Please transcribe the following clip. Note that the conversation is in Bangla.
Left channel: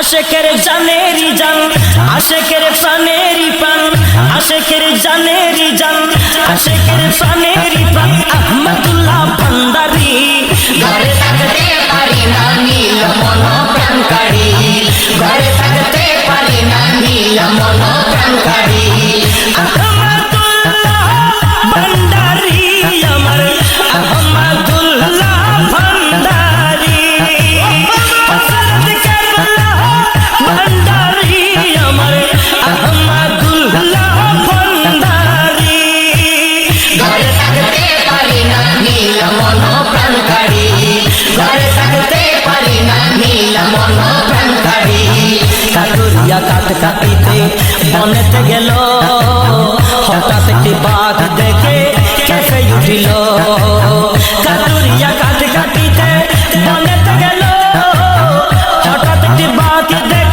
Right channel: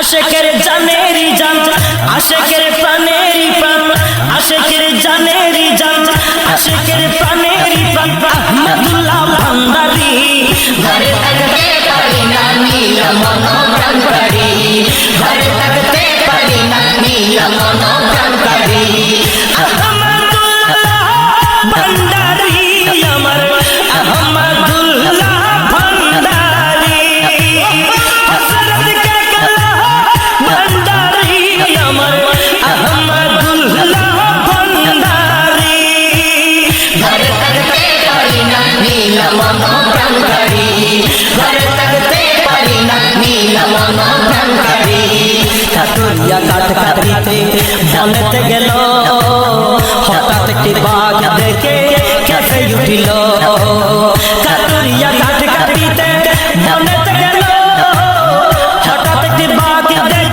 আশেকের জানেরই জান, আশেকের প্রাণেরই প্রাণ, আশেকের জানেরই জান, আশেকের প্রাণেরই প্রাণ আহমদুল্লাহ ভান্ডারী। ঘরে থাকতে পারি না নীল মন প্রাণ কাড়ি, ঘরে থাকতে পারি না নীল মন প্রাণ কাড়ি। আহমদুল্লাহ ভান্ডারী আমার, আহমদুল্লাহ ভান্ডারী। হযরত কেবলা ভান্ডারী আমার, আহমদুল্লাহ ভান্ডারী। ঘরে থাকতে পারি না নীল মন প্রাণ কাড়ি, ঘরে থাকতে পারি না নীল মন প্রাণ কাড়ি। কাটুরিয়া কাঠ কাটিতে বনেতে গেল, হঠাৎ একটি বাঘ দেখে কেঁপে উঠিল। কাটুরিয়া কাঠ কাটিতে বনেতে গেল, হঠাৎ একটি বাঘ দেখে